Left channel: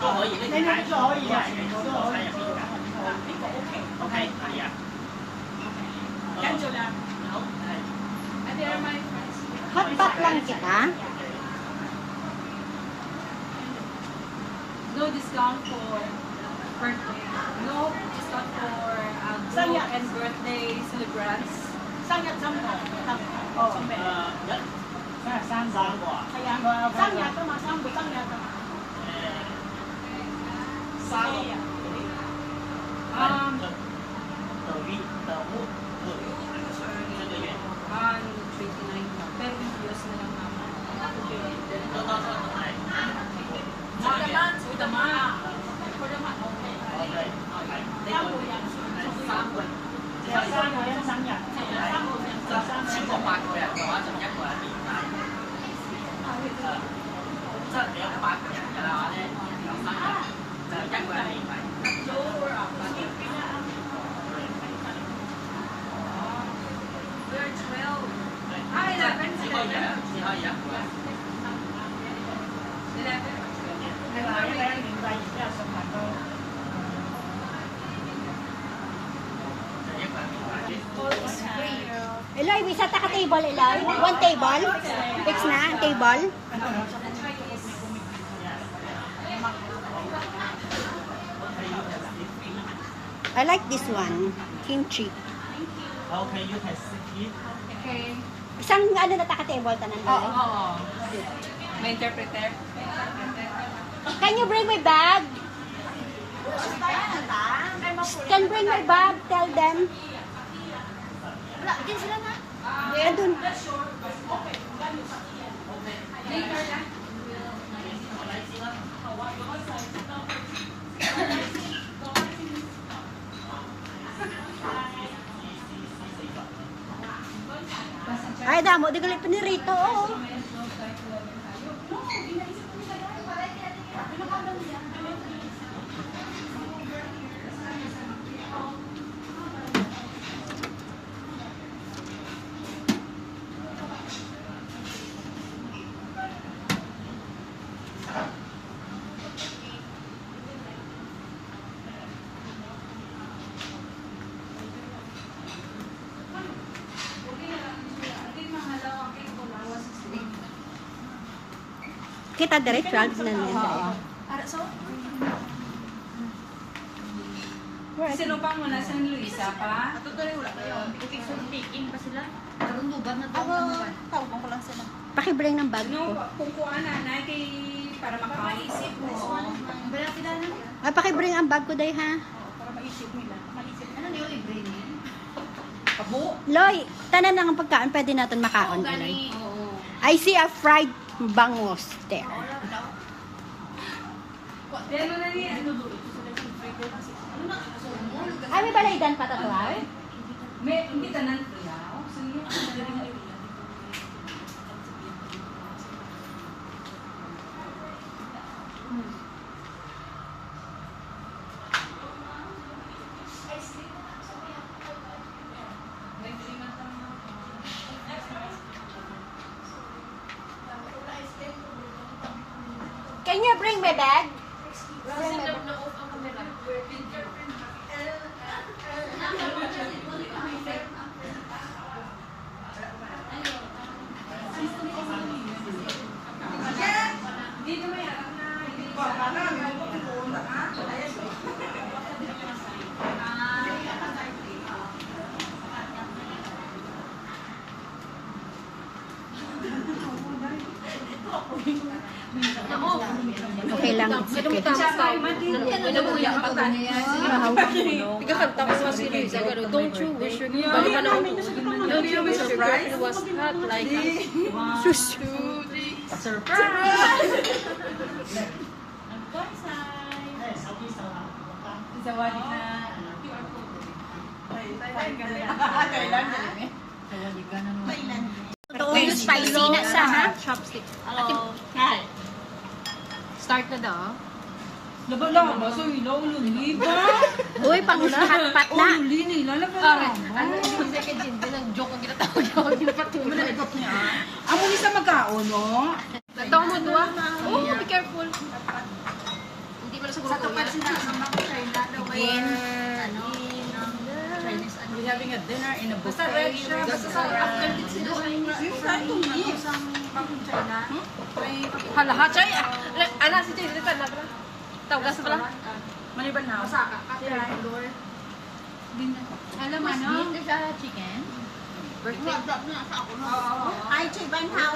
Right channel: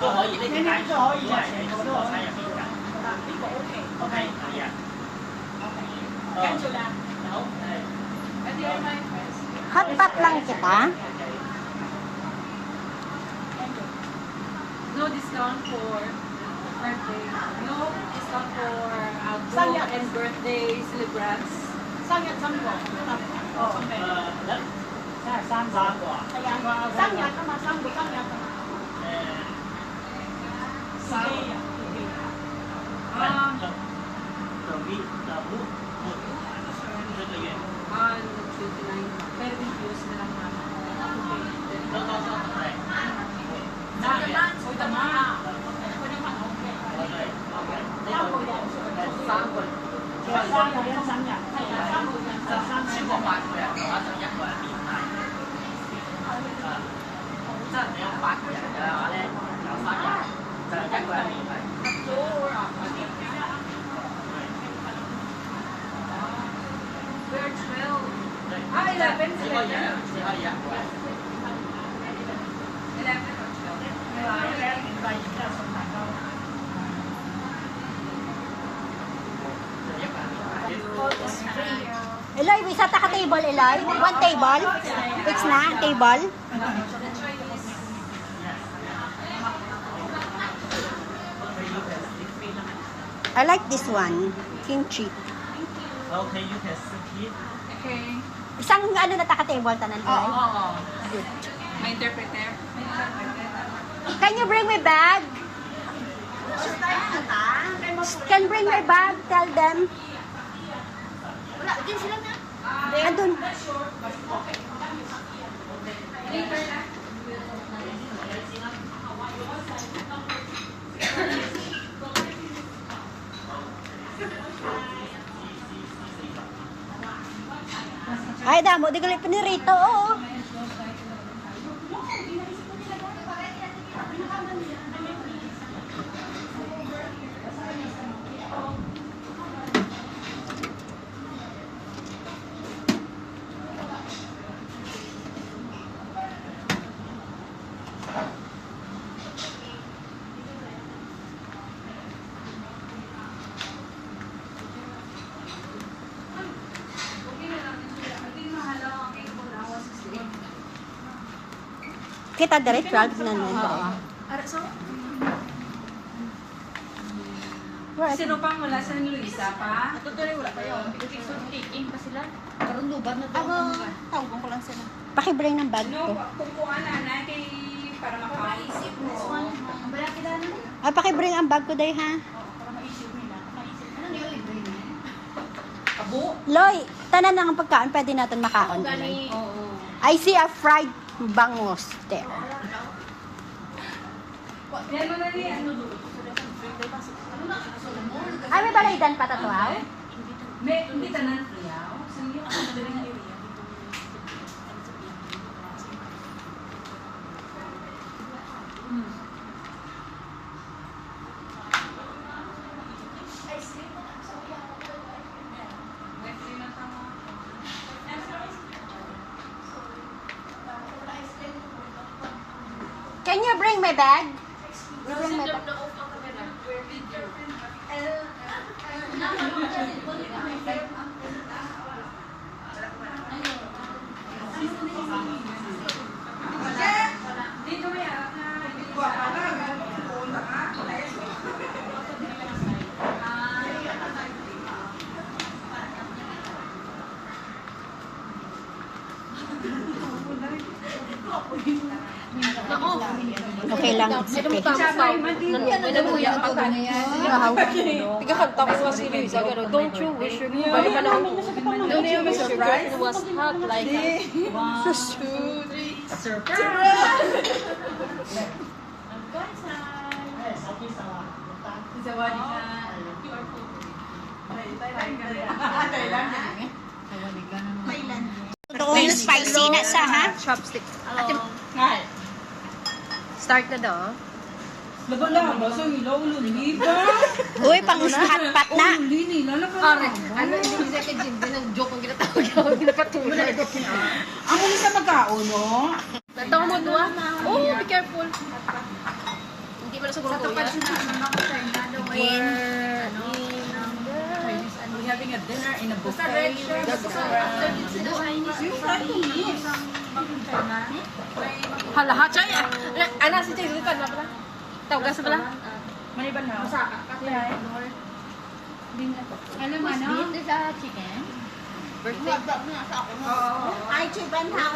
都可以，呢啲解咗可以啊，都我睇入邊㗎。呢個 OK，OK 係啊。跟住啦，好係。Hotpot lang kita. No discount for birthday. No discount for group and birthday celebrants. 生日針喎，得哦，生個係啊，生日㗎嘛，生個生日㗎。生日。the week the mood 這個月。On 29. Pero videos na lang namin. 都係。For the month, for the month. For the month, okay. 對。三個人，三個。有三個人生日，係啊，三個人就生日。超過8個人嘅話，就一個人連埋。即係你有8個人嘅話咧，有3個，就一個人連埋。We're 12. 11. 只可以一個人。11 or 12. Eloy, bisa ta ka table, Eloy? One table? Fix na ang table? I like this one. Kimchi. Okay, you can sit it. Okay. Isang ano na ta ka table tanan, Eloy? Oo. May interpreter. Can you bring my bag? Can bring my bag? Tell them. Wala, din sila na. Andun. Ay, damo. Di galit pa ni Rito. Oo. Kita dire 12 na nun. Ara, so? Where is Sino pang wala sa Luisa pa? Ito dali, wala pa yun. Taking pa sila. Karunduban na to. Tawag ko lang sila. Pakibring ng bag No, ko. kukuha na natin para makaisip mo. Ang bala kita na. Ay, pakibring ang bag ko day ha. Para maisip nila. Maisip. Ano nila libre niya? Abo? Loy, tanan na ang pagkain pwede natin makaon. Eloy. Oo. I see a fried bangus there. Yan mo na yan. Ay, may balaydan pa tatuaw? May, hindi tanan kuyaw. Sino yung madaling area? Can you bring my bag? Bring my bag. Dito may arap na. Okay lang, it's okay. Nagkakanta ko sa si Liza, pero don't you wish you could balik ka lang. Don't you wish your girlfriend was hot like us? Surprise! Isawadi na. Doon spicy na sa ha? Chopstick. Ngay. Start na daw. Laba-laba sa ilaw, luli ba? Uy, pang-hotpot na. Luli nila, laba-laba. Ano yung second gin? Binang-joke ang ginatawag ko. Ginapatulan. Amo ni sa magkao, no? Itong mo doon. Oh, be careful. ko na siguro kuya. Gin. We're having a dinner in a buffet. Halahat siya. Ana, si Tigre ka na pala. Tawag ka pala. Maliban na. Alam mo, ano? Dito sa chicken. Birthday. Ay, Chay Banhaw.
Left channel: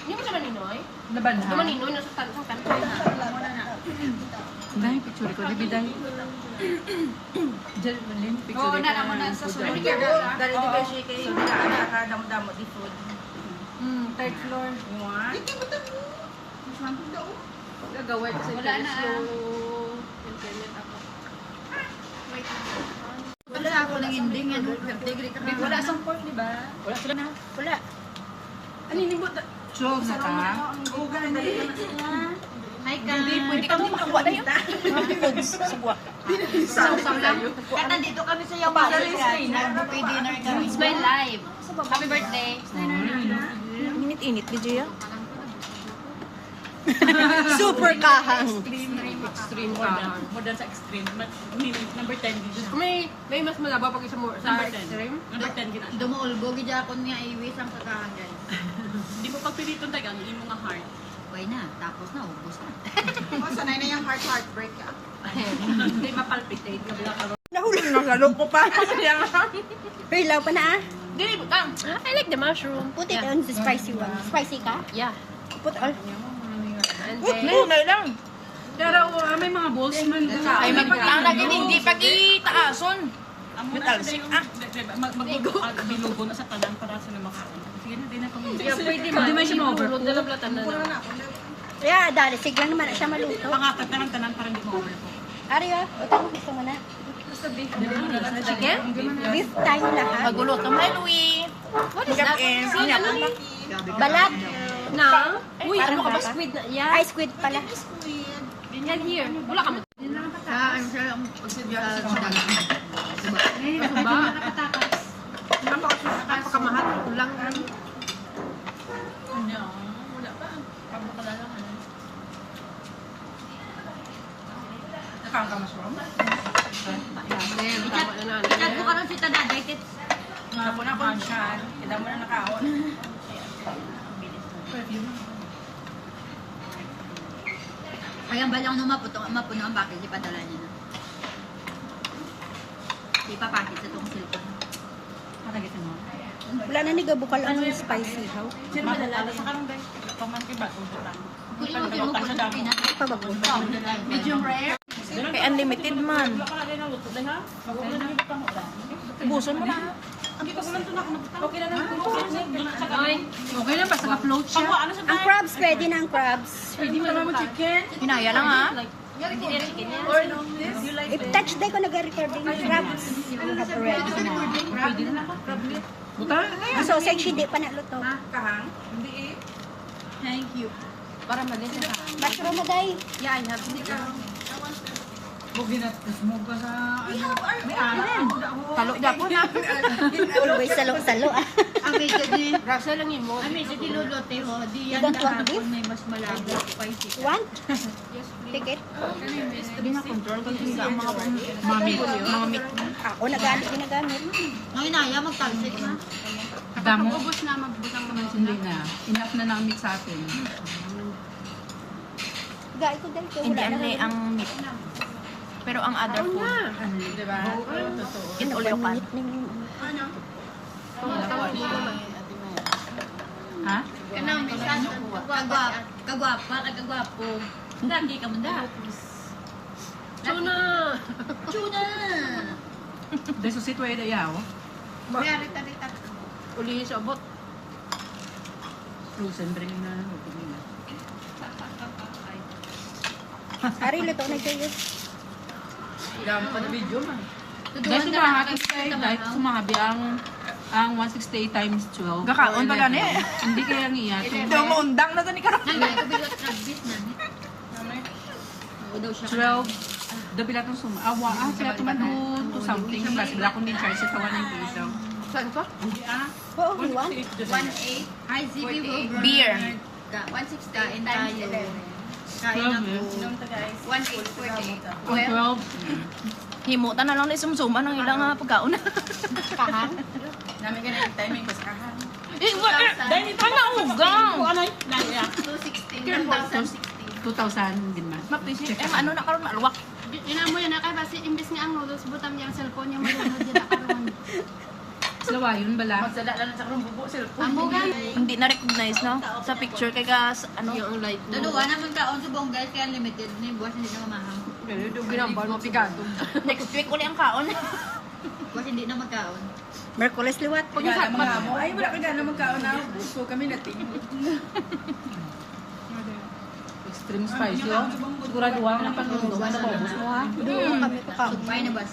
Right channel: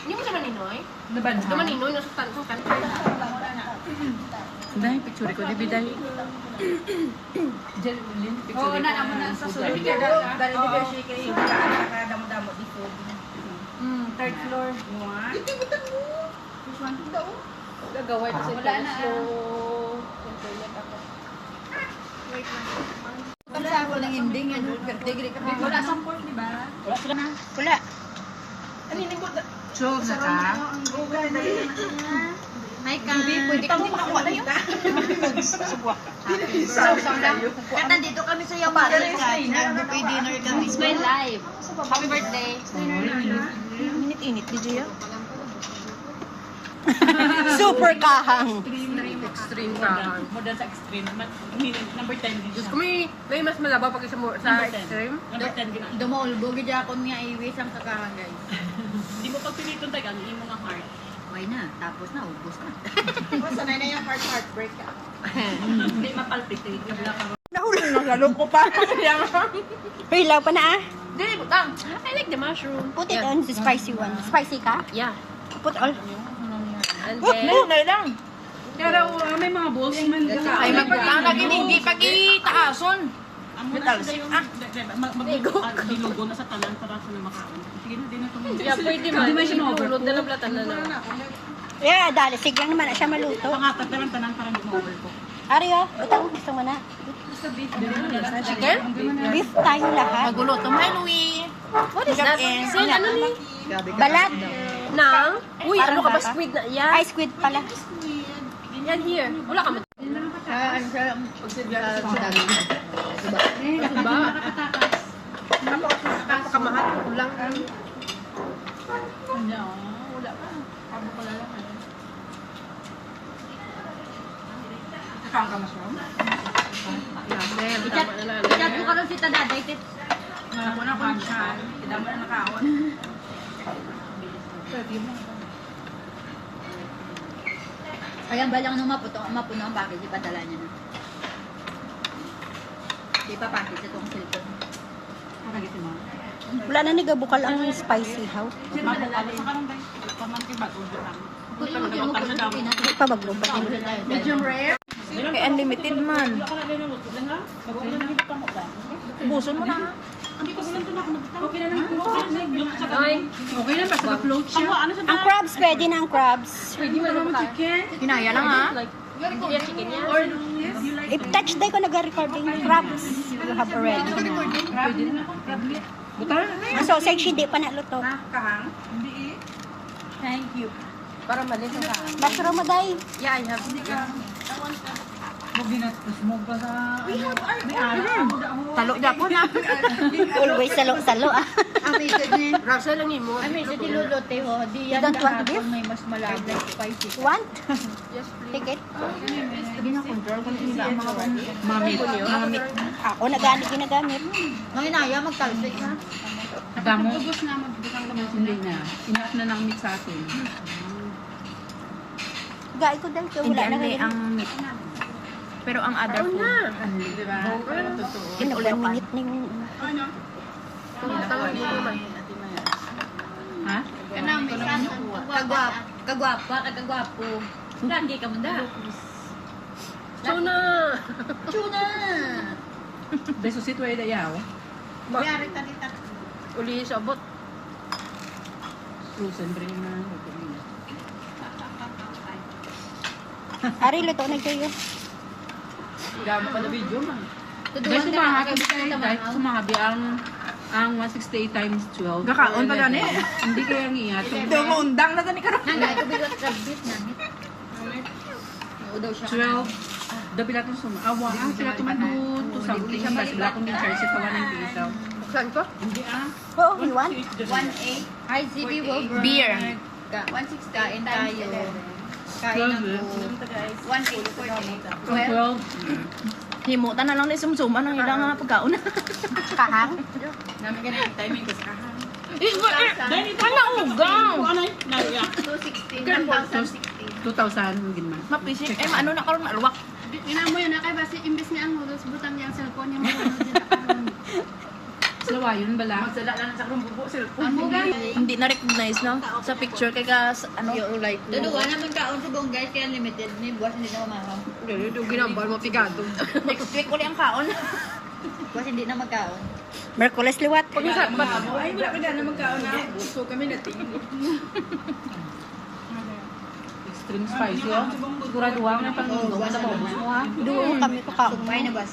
Hindi mo naman ninoy? Laban Hindi mo ninoy, nasutan. Dahil picture ko, di ba dahil? Diyan, picture ko. Oo, na naman na sa sunod. Dahil di ba siya kayo? Nakadamo-damo di food. Third floor. Which one? Gagawa ito sa Wala na. Internet ako. Wala ako ng ending. Ano? Birthday. Wala sa pork, di ba? Wala. Chog na ka? May pwede ka din makuha na yun. Kaya nandito kami sa Yawasan. Nag-buffet dinner kami. It's my life. Happy birthday. Minute-init, di Gia? Super kahang. Extreme kahang. More than sa extreme. Number 10 din siya. Kung may mas malaba pag sa extreme. Number 10 din. Dumuulbo, gidya ako niya iwis ang pagkakan, guys. Hindi mo pagpiliton tayo, ano yung mga heart. Why na? Tapos na, ubos na. Sanay na yung heartbreak ka. Hindi mapalpitate. Nahulog na sa loob ko pa. Hilaw pa na ah. Dili, butang. I like the mushroom. Put it on the spicy one. Spicy ka? Yeah. Put all. And then, lang. Pero may mga balls man. ay magpagtanag hindi pag-itaason. Binugo na sa talan para sa namakaon. Sige na, din na itong Yeah, pwede ba? Hindi man siya ma-overcook. Dalablatan na lang. Yeah, dali. Sige lang naman na siya maluto. pangatat na lang tanan parang gumawa ko. Ari ah, utang gusto mo na. Chicken? Beef tayo lahat. Maguluto mo. Hi, Louie. What is that? Sin, ano ni? Balat. Nang? Uy, ano Parang ka ba? baka. Squid na? Yan. Ay, squid pala. Yan here. Wala ka mo. Ano siya? Sa daging. Ano ba? Napakamahal. Lang. Yan, tama na na. Ikat mo ka rin si Tadaday. Ako na kung siya. Idama na nakaon. Ayan ba lang nung mapuno ang package, ipadala niya. Di pa package itong cellphone. Wala na nigabukal ang spicy how. Ay pa magbukal. Medium rare. Kay unlimited man. Buson mo na. Ay, Okay lang, basta na-float siya. Ang crabs, pwede na ang crabs. Pwede mo naman chicken. hinaya lang ha. If touch day ko nag-recording crabs, you have already. So, sexy di pa naluto. Kahang? Hindi eh. Thank you. Para malis na. Mushroom mo day. Yeah, I have. Mo ba sa... Talo na po na. Always salo-salo ah. Rasa lang mo. Sa diluluto ho, di yan Don't want kahapon beef? may mas malabo spicy. Want? Take it. Hindi na control kasi nila ang mga mamit. Ako ginagamit. Nang inaya, magtalsik ha. Damo. Hindi na. Enough na ng meat sa atin. Gaya ko dahil Hindi wala na ano ngayon. ang meat. Pero ang other food, Di ba? Ito ulit ka. Ha? Kanang kagwapa, kagwapo. Lagi ka man da. tuna. Tuna! Beso si Tueda yaw. Uli sa abot. Frozen bring na. Ari, luto na kayo. Gamo ka na video man. Tuduan Beso ka na mahabi kayo sa kahit sumabi ang 168 times 12. Gakaon pa gani. Hindi kaya ang iyat. Maundang na ni karon. Hanggang ko bilot rabbit na. Oo daw siya. 12. Dabilat ng suma. Sila tumadun to something. Tapos bila kong din-charge sa 190 isaw. Saan ko? Oo, we want. 1.8. Hi, ZB Wilbur. Beer. 1.6 kain tayo. Kain ako. 1.8 for day. Himutan na lang na sumsuman ang ilang nga pagkaon. Kahang? Nami ka na yung timing ko sa kahang. Ano ugang? Ano yun? Nariya. 216. 2,000 ginman. Mapisik. Ano na karon alwak. Inamo yan na kay basi imbes ni ang noodles butang niyang cellphone yung mga dyan na karon. Slawa yun bala. Magsala lang sa karong bubo sir. Amo ga. Hindi na recognize no sa picture kay ka ano. Yung light mo. Duduwa naman kaon sa buong guys kaya limited ni buwas hindi na mamahaw. Yung ginambal mo pigado. Next week uli ang kaon. Buwas hindi na magkaon. Merkules liwat. Pag-isat ba? Ay, wala ka na naman kaon na. So kami natingin. Extreme spicy, oh. Siguraduhan na pag-unog sa paubos mo, ha? Doon kami kakaon. Sumay na bas.